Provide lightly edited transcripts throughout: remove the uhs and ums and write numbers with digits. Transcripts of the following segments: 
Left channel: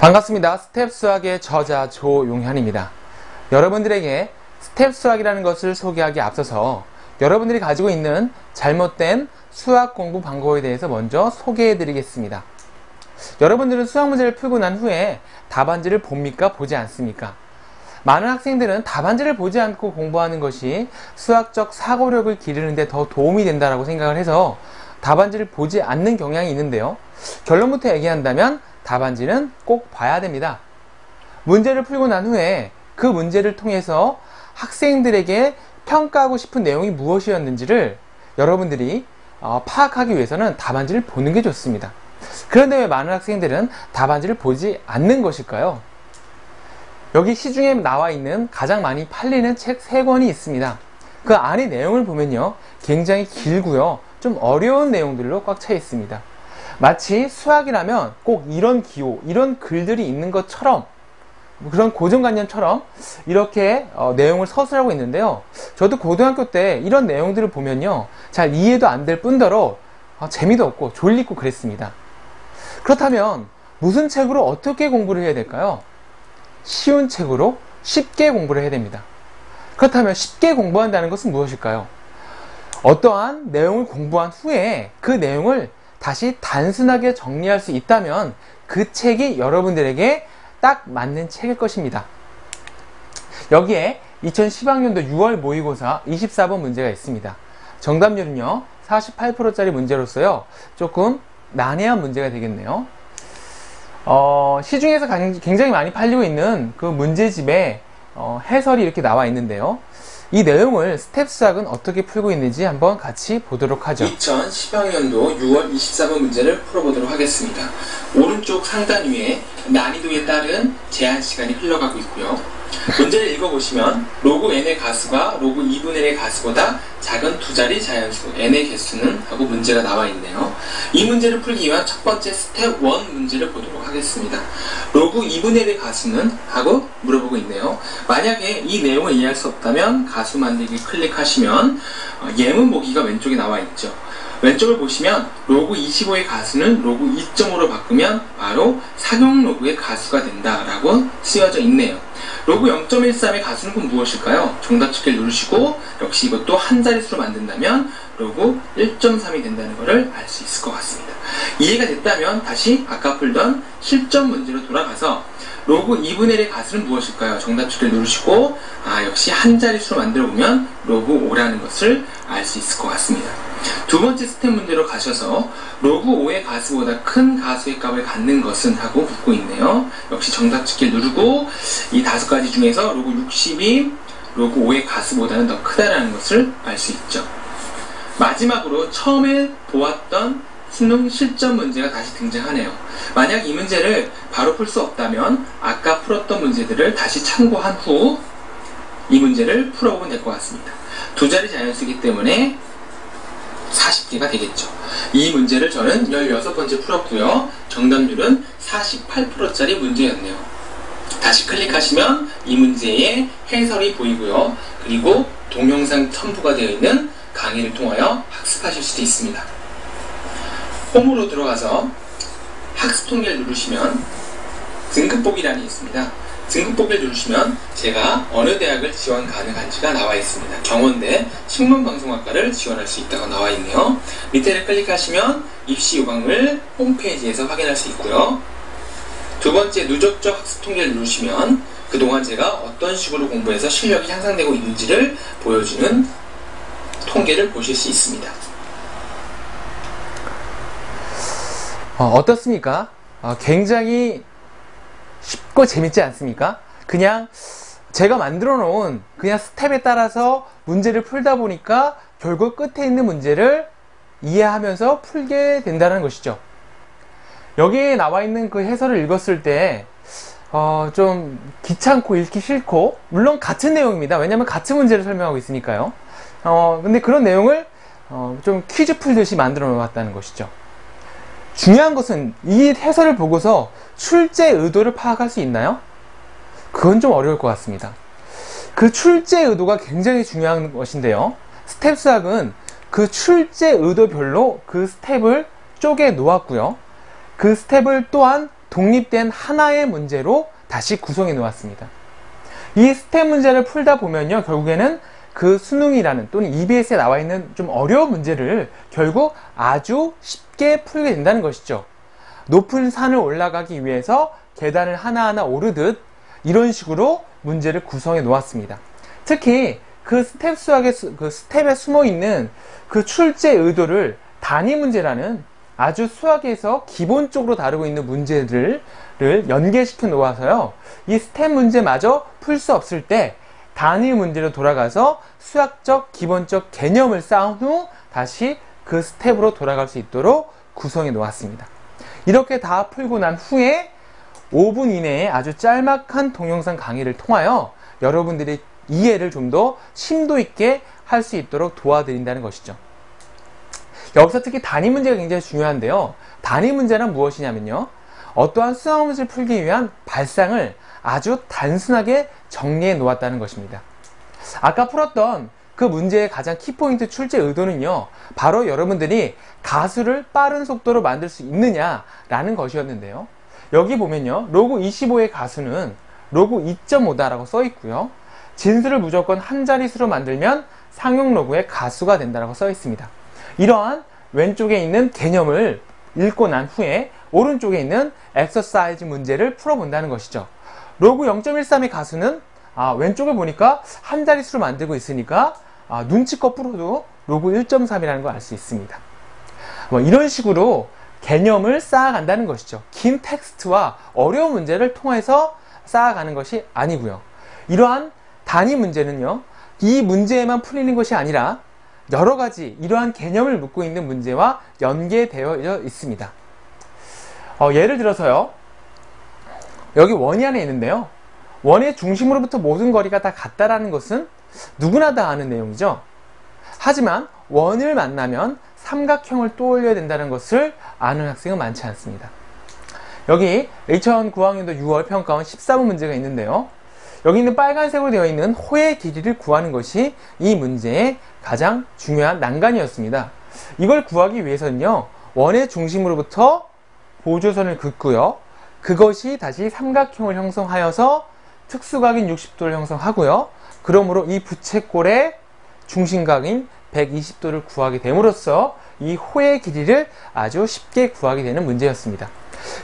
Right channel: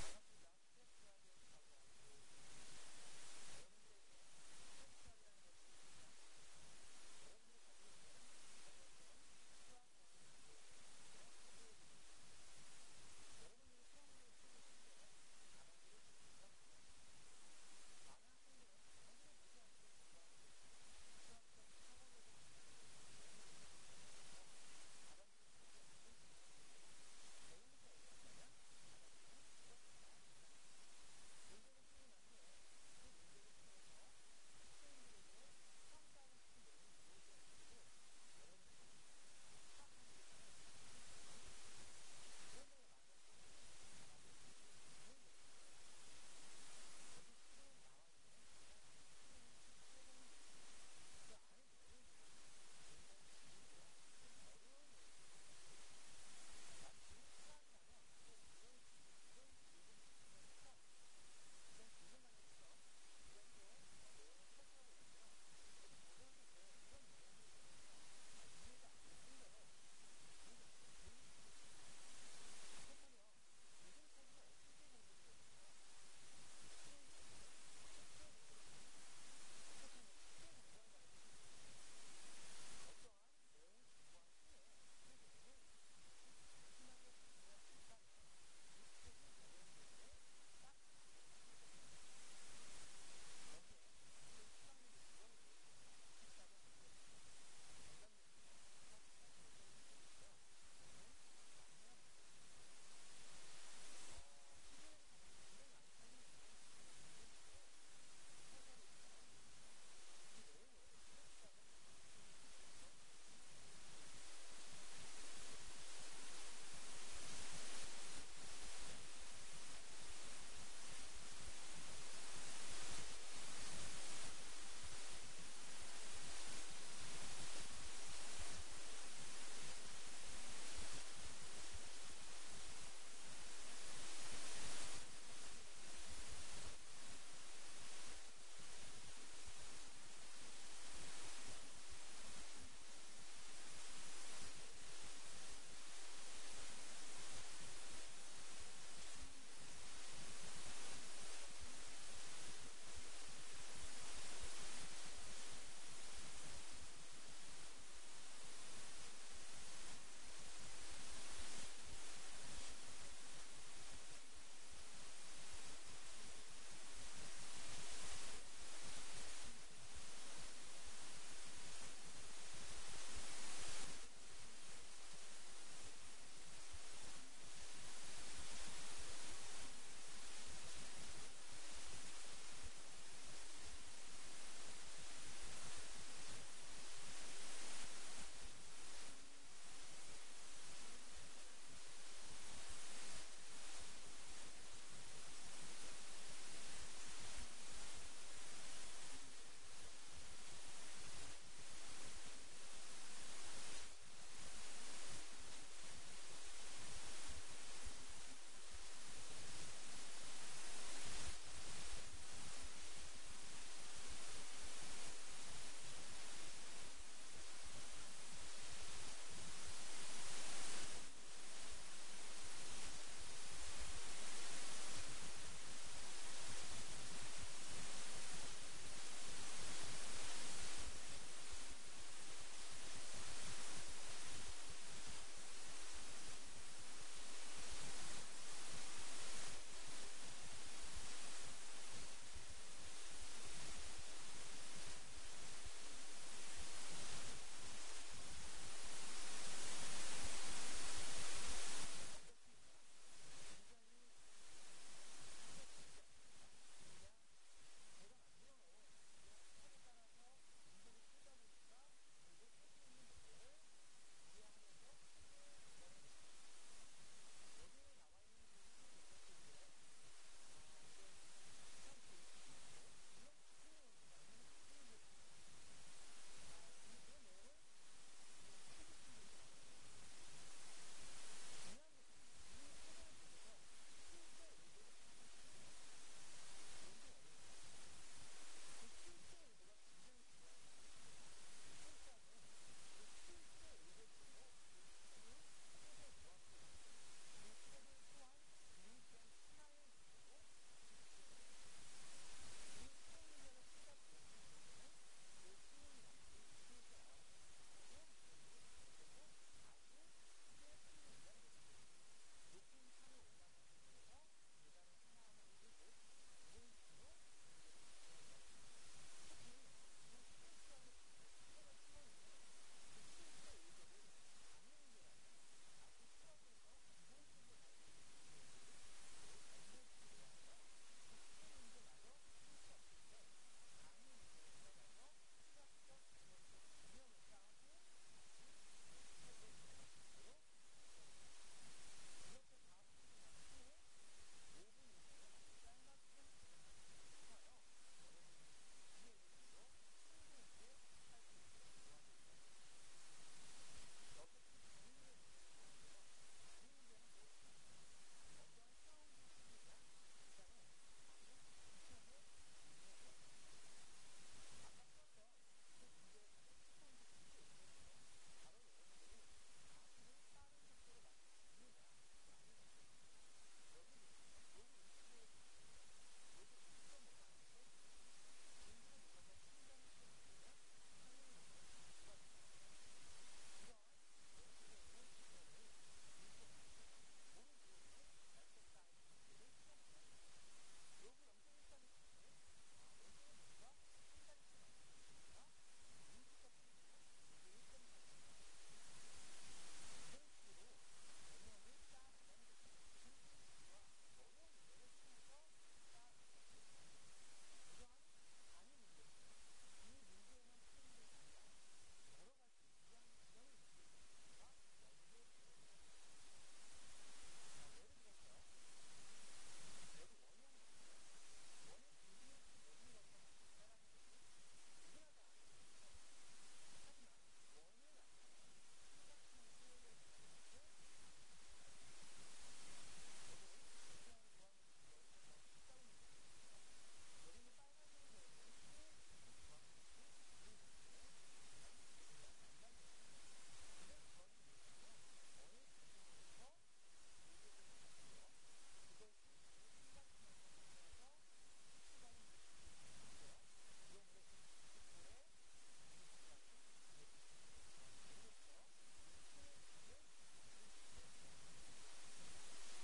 반갑습니다. 스텝 수학의 저자 조용현입니다. 여러분들에게 스텝 수학이라는 것을 소개하기에 앞서서 여러분들이 가지고 있는 잘못된 수학 공부 방법에 대해서 먼저 소개해 드리겠습니다. 여러분들은 수학 문제를 풀고 난 후에 답안지를 봅니까? 보지 않습니까? 많은 학생들은 답안지를 보지 않고 공부하는 것이 수학적 사고력을 기르는 데 더 도움이 된다고 생각을 해서 답안지를 보지 않는 경향이 있는데요. 결론부터 얘기한다면 답안지는 꼭 봐야 됩니다. 문제를 풀고 난 후에 그 문제를 통해서 학생들에게 평가하고 싶은 내용이 무엇이었는지를 여러분들이 파악하기 위해서는 답안지를 보는 게 좋습니다. 그런데 왜 많은 학생들은 답안지를 보지 않는 것일까요? 여기 시중에 나와 있는 가장 많이 팔리는 책 3권이 있습니다. 그 안의 내용을 보면요, 굉장히 길고요, 좀 어려운 내용들로 꽉 차 있습니다. 마치 수학이라면 꼭 이런 기호, 이런 글들이 있는 것처럼, 그런 고정관념처럼 이렇게 내용을 서술하고 있는데요. 저도 고등학교 때 이런 내용들을 보면요, 잘 이해도 안 될 뿐더러 재미도 없고 졸리고 그랬습니다. 그렇다면 무슨 책으로 어떻게 공부를 해야 될까요? 쉬운 책으로 쉽게 공부를 해야 됩니다. 그렇다면 쉽게 공부한다는 것은 무엇일까요? 어떠한 내용을 공부한 후에 그 내용을 다시 단순하게 정리할 수 있다면 그 책이 여러분들에게 딱 맞는 책일 것입니다. 여기에 2010학년도 6월 모의고사 24번 문제가 있습니다. 정답률은요 48%짜리 문제로서요 조금 난해한 문제가 되겠네요. 시중에서 굉장히 많이 팔리고 있는 그 문제집에 해설이 이렇게 나와 있는데요. 이 내용을 스텝 수학은 어떻게 풀고 있는지 한번 같이 보도록 하죠. 2010학년도 6월 24번 문제를 풀어보도록 하겠습니다. 오른쪽 상단 위에 난이도에 따른 제한 시간이 흘러가고 있고요. 문제를 읽어보시면 로그 n의 가수가 로그 2분의 1의 가수보다 작은 두 자리 자연수 n의 개수는 하고 문제가 나와 있네요. 이 문제를 풀기 위한 첫 번째 스텝 1 문제를 보도록 하겠습니다. 로그 2분의 1의 가수는? 하고 물어보고 있네요. 만약에 이 내용을 이해할 수 없다면 가수 만들기 클릭하시면 예문 보기가 왼쪽에 나와 있죠. 왼쪽을 보시면 로그 25의 가수는 로그 2.5로 바꾸면 바로 상용 로그의 가수가 된다라고 쓰여져 있네요. 로그 0.13의 가수는 그럼 무엇일까요? 정답 찾기를 누르시고 역시 이것도 한 자릿수로 만든다면 로그 1.3이 된다는 것을 알 수 있을 것 같습니다. 이해가 됐다면 다시 아까 풀던 실전 문제로 돌아가서 로그 2분의 1의 가수는 무엇일까요? 정답 찾기를 누르시고 역시 한 자릿수로 만들어 보면 로그 5라는 것을 알 수 있을 것 같습니다. 두 번째 스텝 문제로 가셔서 로그 5의 가수보다 큰 가수의 값을 갖는 것은? 하고 묻고 있네요. 역시 정답 찾기를 누르고 이 5가지 중에서 로그 60이 로그 5의 가수보다는 더 크다라는 것을 알 수 있죠. 마지막으로 처음에 보았던 수능 실전 문제가 다시 등장하네요. 만약 이 문제를 바로 풀 수 없다면 아까 풀었던 문제들을 다시 참고한 후 이 문제를 풀어보면 될 것 같습니다. 두 자리 자연수이기 때문에 40개가 되겠죠. 이 문제를 저는 16번째 풀었고요. 정답률은 48%짜리 문제였네요. 다시 클릭하시면 이 문제의 해설이 보이고요. 그리고 동영상 첨부가 되어 있는 강의를 통하여 학습하실 수도 있습니다. 홈으로 들어가서 학습 통계를 누르시면 등급보기란이 있습니다. 등급보기를 누르시면 제가 어느 대학을 지원 가능한지가 나와 있습니다. 경원대 식문방송학과를 지원할 수 있다고 나와 있네요. 밑에를 클릭하시면 입시 요강을 홈페이지에서 확인할 수 있고요. 두 번째 누적적 학습 통계를 누르시면 그동안 제가 어떤 식으로 공부해서 실력이 향상되고 있는지를 보여주는 통계를 보실 수 있습니다. 어떻습니까? 굉장히 쉽고 재밌지 않습니까? 그냥 제가 만들어 놓은 그냥 스텝에 따라서 문제를 풀다 보니까 결국 끝에 있는 문제를 이해하면서 풀게 된다는 것이죠. 여기에 나와 있는 그 해설을 읽었을 때 좀 귀찮고 읽기 싫고, 물론 같은 내용입니다. 왜냐하면 같은 문제를 설명하고 있으니까요. 근데 그런 내용을 좀 퀴즈 풀듯이 만들어 놓았다는 것이죠. 중요한 것은 이 해설을 보고서 출제 의도를 파악할 수 있나요? 그건 좀 어려울 것 같습니다. 그 출제 의도가 굉장히 중요한 것인데요. 스텝 수학은 그 출제 의도별로 그 스텝을 쪼개 놓았고요. 그 스텝을 또한 독립된 하나의 문제로 다시 구성해 놓았습니다. 이 스텝 문제를 풀다 보면요, 결국에는 그 수능이라는 또는 EBS에 나와 있는 좀 어려운 문제를 결국 아주 쉽게 풀게 된다는 것이죠. 높은 산을 올라가기 위해서 계단을 하나하나 오르듯 이런 식으로 문제를 구성해 놓았습니다. 특히 그 스텝 수학의 그 스텝에 숨어 있는 그 출제 의도를 단위 문제라는 아주 수학에서 기본적으로 다루고 있는 문제들을 연계시켜 놓아서요, 이 스텝 문제마저 풀 수 없을 때 단위 문제로 돌아가서 수학적 기본적 개념을 쌓은 후 다시 그 스텝으로 돌아갈 수 있도록 구성해 놓았습니다. 이렇게 다 풀고 난 후에 5분 이내에 아주 짤막한 동영상 강의를 통하여 여러분들의 이해를 좀 더 심도 있게 할 수 있도록 도와드린다는 것이죠. 여기서 특히 단위 문제가 굉장히 중요한데요. 단위 문제는 무엇이냐면요, 어떠한 수학 문제를 풀기 위한 발상을 아주 단순하게 정리해 놓았다는 것입니다. 아까 풀었던 그 문제의 가장 키포인트 출제 의도는요, 바로 여러분들이 가수를 빠른 속도로 만들 수 있느냐라는 것이었는데요. 여기 보면요, 로그 25의 가수는 로그 2.5다라고 써 있고요, 진수를 무조건 한 자릿수로 만들면 상용 로그의 가수가 된다라고 써 있습니다. 이러한 왼쪽에 있는 개념을 읽고 난 후에 오른쪽에 있는 엑서사이즈 문제를 풀어본다는 것이죠. 로그 0.13의 가수는 왼쪽에 보니까 한 자릿수로 만들고 있으니까 눈치껏 풀어도 로그 1.3이라는 걸 알 수 있습니다. 이런 식으로 개념을 쌓아간다는 것이죠. 긴 텍스트와 어려운 문제를 통해서 쌓아가는 것이 아니고요. 이러한 단위 문제는요, 이 문제에만 풀리는 것이 아니라 여러 가지 이러한 개념을 묻고 있는 문제와 연계되어 있습니다. 예를 들어서요, 여기 원이 안에 있는데요, 원의 중심으로부터 모든 거리가 다 같다라는 것은 누구나 다 아는 내용이죠. 하지만 원을 만나면 삼각형을 떠올려야 된다는 것을 아는 학생은 많지 않습니다. 여기 2009학년도 6월 평가원 14번 문제가 있는데요, 여기 있는 빨간색으로 되어 있는 호의 길이를 구하는 것이 이 문제의 가장 중요한 난관이었습니다. 이걸 구하기 위해서는요, 원의 중심으로부터 보조선을 긋고요, 그것이 다시 삼각형을 형성하여서 특수각인 60도를 형성하고요, 그러므로 이 부채꼴의 중심각인 120도를 구하게 됨으로써 이 호의 길이를 아주 쉽게 구하게 되는 문제였습니다.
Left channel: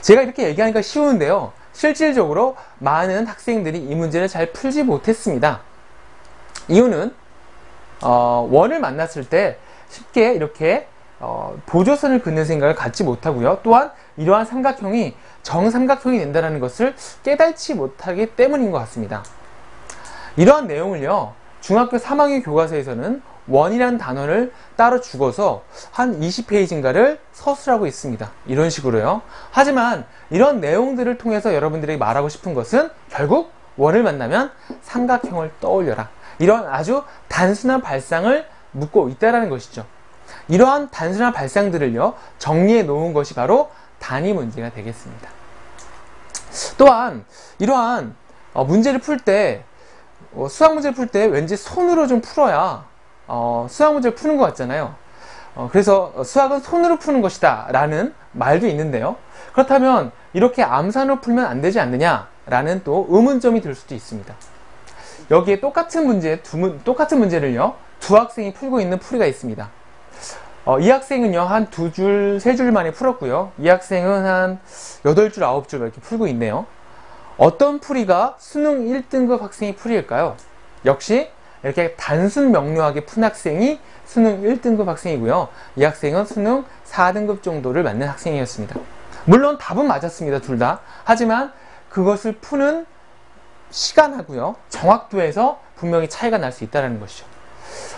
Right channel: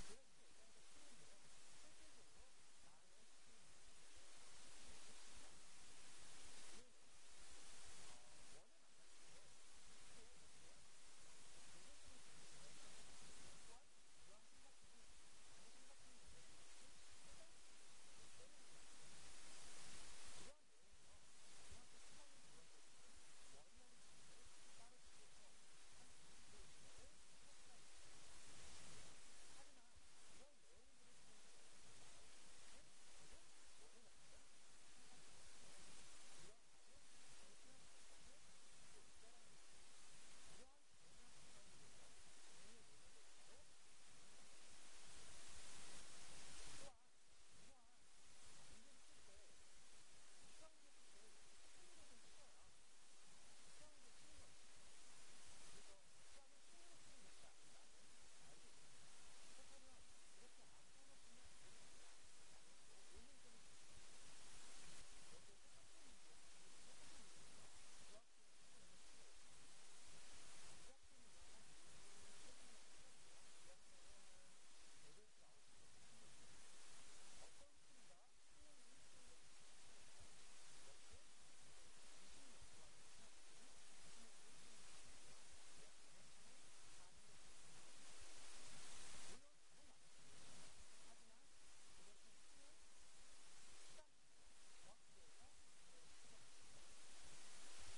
제가 이렇게 얘기하니까 쉬운데요, 실질적으로 많은 학생들이 이 문제를 잘 풀지 못했습니다. 이유는 원을 만났을 때 쉽게 이렇게 보조선을 긋는 생각을 갖지 못하고요, 또한 이러한 삼각형이 정삼각형이 된다는 것을 깨닫지 못하기 때문인 것 같습니다. 이러한 내용을요, 중학교 3학년 교과서에서는 원이라는 단어를 따로 죽어서 한 20페이지인가를 서술하고 있습니다. 이런 식으로요. 하지만 이런 내용들을 통해서 여러분들이 말하고 싶은 것은 결국 원을 만나면 삼각형을 떠올려라, 이런 아주 단순한 발상을 묻고 있다는 것이죠. 이러한 단순한 발상들을요, 정리해 놓은 것이 바로 단위 문제가 되겠습니다. 또한 이러한 문제를 풀 때, 수학 문제를 풀 때 왠지 손으로 좀 풀어야 수학 문제를 푸는 것 같잖아요. 그래서 수학은 손으로 푸는 것이다 라는 말도 있는데요, 그렇다면 이렇게 암산으로 풀면 안 되지 않느냐 라는 또 의문점이 들 수도 있습니다. 여기에 똑같은 문제를요, 두 학생이 풀고 있는 풀이가 있습니다. 이 학생은요, 한 2줄, 3줄 만에 풀었고요, 이 학생은 한 8줄, 9줄 이렇게 풀고 있네요. 어떤 풀이가 수능 1등급 학생의 풀이일까요? 역시 이렇게 단순 명료하게 푼 학생이 수능 1등급 학생이고요, 이 학생은 수능 4등급 정도를 맞는 학생이었습니다. 물론 답은 맞았습니다, 둘 다. 하지만 그것을 푸는 시간하고요, 정확도에서 분명히 차이가 날 수 있다는 것이죠.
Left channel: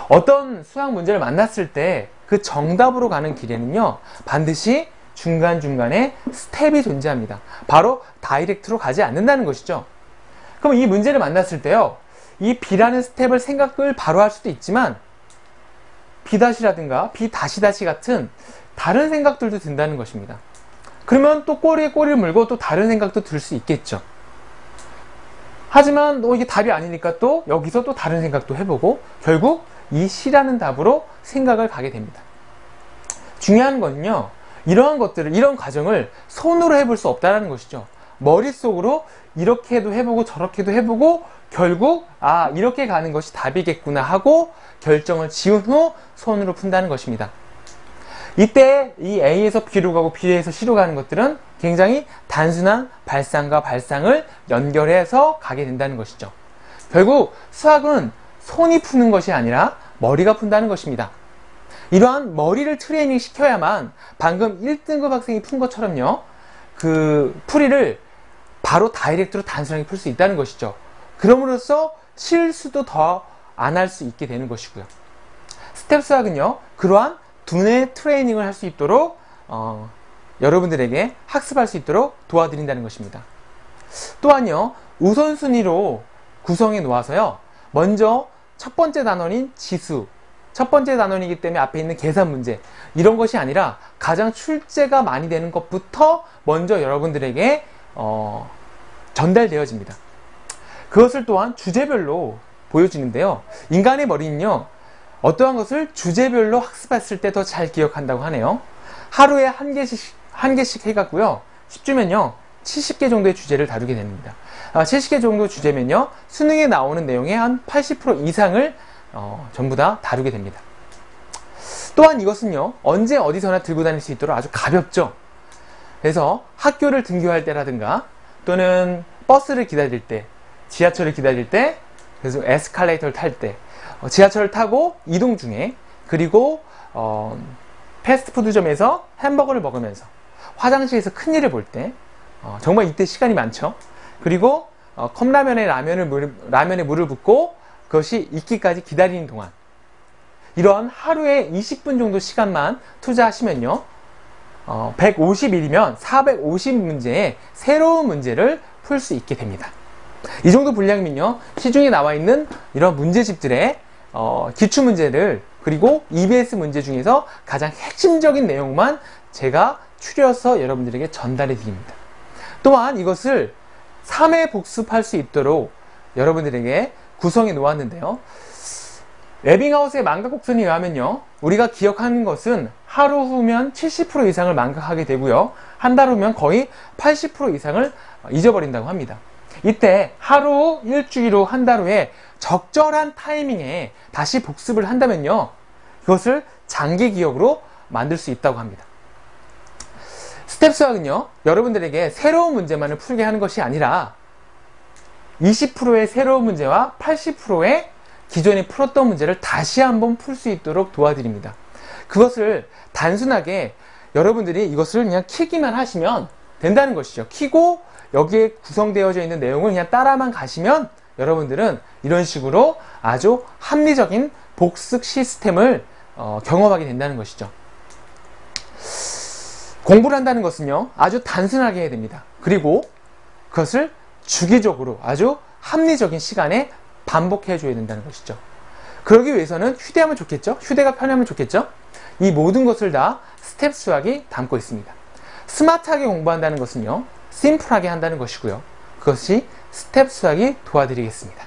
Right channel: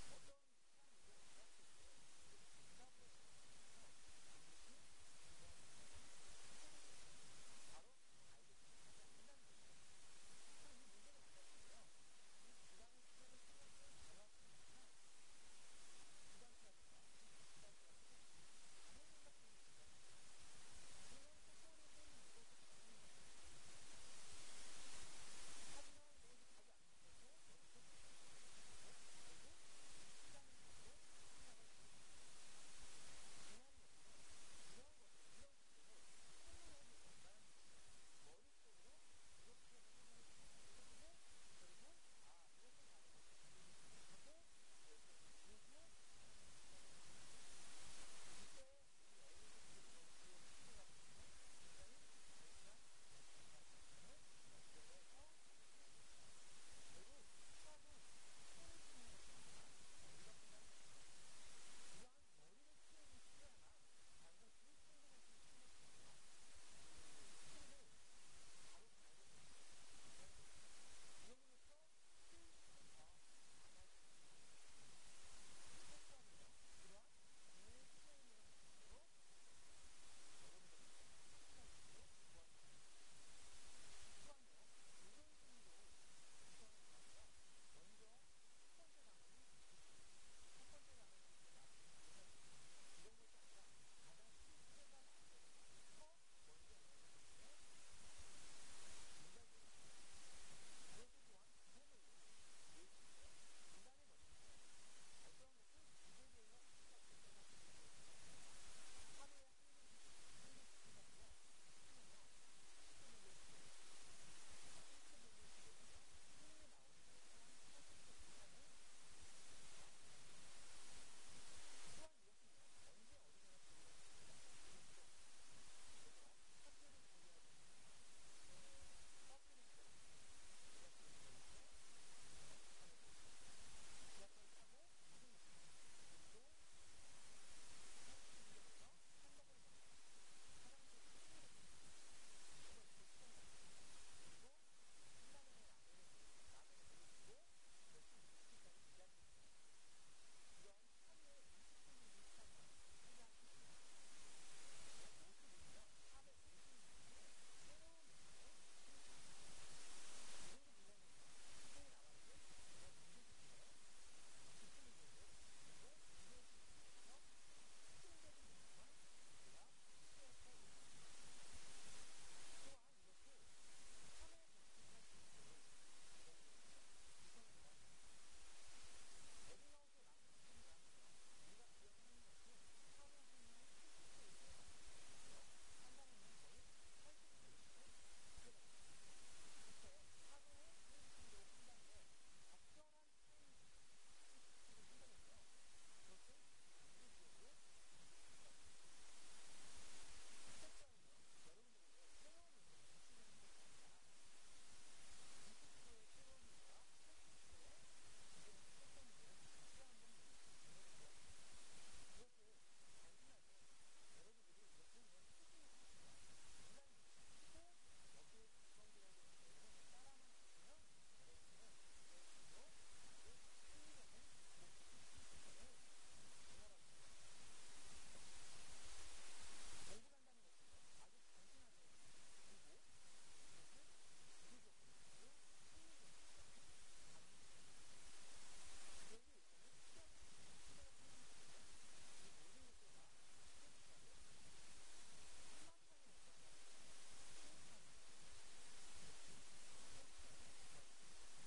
어떤 수학 문제를 만났을 때 그 정답으로 가는 길에는요, 반드시 중간중간에 스텝이 존재합니다. 바로 다이렉트로 가지 않는다는 것이죠. 그럼 이 문제를 만났을 때요, 이 B라는 스텝을 생각을 바로 할 수도 있지만 B-라든가 B-다시 같은 다른 생각들도 든다는 것입니다. 그러면 또 꼬리에 꼬리를 물고 또 다른 생각도 들 수 있겠죠. 하지만 이게 답이 아니니까 또 여기서 또 다른 생각도 해보고 결국 이 C라는 답으로 생각을 가게 됩니다. 중요한 건요, 이러한 것들을, 이런 과정을 손으로 해볼 수 없다는 것이죠. 머릿속으로 이렇게도 해보고 저렇게도 해보고 결국 이렇게 가는 것이 답이겠구나 하고 결정을 지은 후 손으로 푼다는 것입니다. 이때 이 A에서 B로 가고 B에서 C로 가는 것들은 굉장히 단순한 발상과 발상을 연결해서 가게 된다는 것이죠. 결국 수학은 손이 푸는 것이 아니라 머리가 푼다는 것입니다. 이러한 머리를 트레이닝 시켜야만 방금 1등급 학생이 푼 것처럼요, 그 풀이를 바로 다이렉트로 단순하게 풀 수 있다는 것이죠. 그럼으로써 실수도 더 안 할 수 있게 되는 것이고요. 스텝 수학은요, 그러한 두뇌 트레이닝을 할 수 있도록 여러분들에게 학습할 수 있도록 도와드린다는 것입니다. 또한요, 우선순위로 구성해 놓아서요, 먼저 첫 번째 단원인 지수, 첫 번째 단원이기 때문에 앞에 있는 계산 문제, 이런 것이 아니라 가장 출제가 많이 되는 것부터 먼저 여러분들에게 전달되어집니다. 그것을 또한 주제별로 보여주는데요. 인간의 머리는요, 어떠한 것을 주제별로 학습했을 때 더 잘 기억한다고 하네요. 하루에 한 개씩 해갖고요, 10주면요 70개 정도의 주제를 다루게 됩니다. 70개 정도 주제면요, 수능에 나오는 내용의 한 80% 이상을 전부 다 다루게 됩니다. 또한 이것은요, 언제 어디서나 들고 다닐 수 있도록 아주 가볍죠. 그래서 학교를 등교할 때라든가 또는 버스를 기다릴 때, 지하철을 기다릴 때, 그래서 에스컬레이터를 탈 때, 지하철을 타고 이동 중에, 그리고 패스트푸드점에서 햄버거를 먹으면서, 화장실에서 큰일을 볼 때, 정말 이때 시간이 많죠. 그리고 컵라면에 라면에 물을 붓고 그것이 익기까지 기다리는 동안, 이런 하루에 20분 정도 시간만 투자하시면요, 150일이면 450문제의 새로운 문제를 풀 수 있게 됩니다. 이 정도 분량이면요, 시중에 나와 있는 이런 문제집들의 기출문제를, 그리고 EBS 문제 중에서 가장 핵심적인 내용만 제가 추려서 여러분들에게 전달해 드립니다. 또한 이것을 3회 복습할 수 있도록 여러분들에게 구성해 놓았는데요. 에빙하우스의 망각곡선에 의하면요, 우리가 기억하는 것은 하루 후면 70% 이상을 망각하게 되고요, 한 달 후면 거의 80% 이상을 잊어버린다고 합니다. 이때 하루 후, 일주일 후, 한 달 후에 적절한 타이밍에 다시 복습을 한다면요, 그것을 장기 기억으로 만들 수 있다고 합니다. 스텝 수학은요, 여러분들에게 새로운 문제만을 풀게 하는 것이 아니라 20%의 새로운 문제와 80%의 기존에 풀었던 문제를 다시 한번 풀 수 있도록 도와드립니다. 그것을 단순하게 여러분들이 이것을 그냥 키기만 하시면 된다는 것이죠. 키고 여기에 구성되어져 있는 내용을 그냥 따라만 가시면 여러분들은 이런 식으로 아주 합리적인 복습 시스템을 경험하게 된다는 것이죠. 공부를 한다는 것은요, 아주 단순하게 해야 됩니다. 그리고 그것을 주기적으로 아주 합리적인 시간에 반복해 줘야 된다는 것이죠. 그러기 위해서는 휴대하면 좋겠죠? 휴대가 편하면 좋겠죠? 이 모든 것을 다 스텝 수학이 담고 있습니다. 스마트하게 공부한다는 것은요, 심플하게 한다는 것이고요. 그것이 스텝 수학이 도와드리겠습니다.